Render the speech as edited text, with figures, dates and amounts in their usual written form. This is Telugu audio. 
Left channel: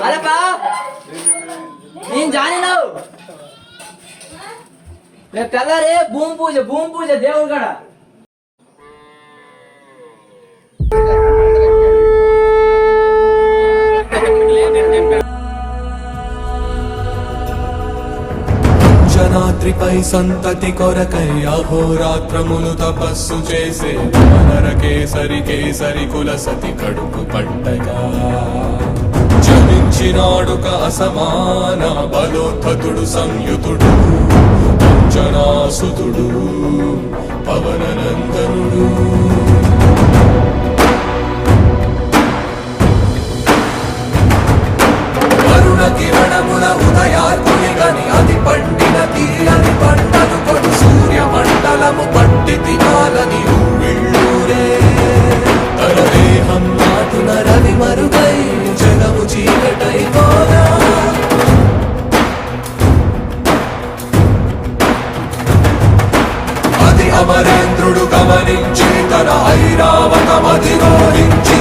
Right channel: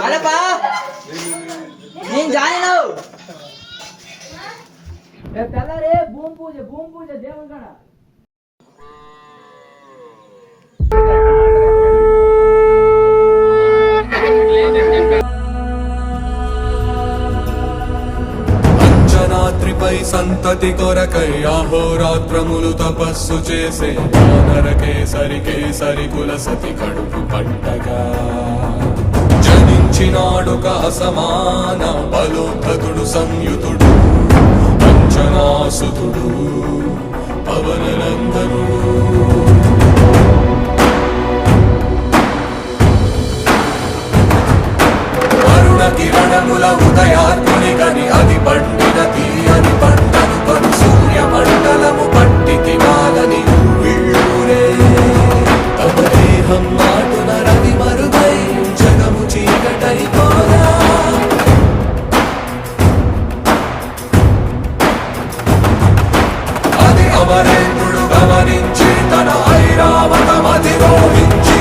అలకా నేను జాయినావు రేపు తెల్లారి భూమి పూజ దేవుడు కాడ రాత్రిపై సంతతి కొరకై అహోరాత్రములు తపస్సు చేసే వానర కేసరి కుల సతి కడుపు పట్టగా జనించినాడు సమాన బలోద్ధతుడు సంయుతుడు అంజనాసుతుడు పవననందనుడు అరుణ కిరణముల ఉదయాత్ముని గని అది పండిన తీరని పంటను కొడు సూర్య మండలము పట్టి తినాలని ఊళ్ళూరే తన దేహం నాటున రవి మరుగై జగము చీకటై పోరా అది అమరేంద్రుడు గమనించి తన ఐరావతమధిరోహించి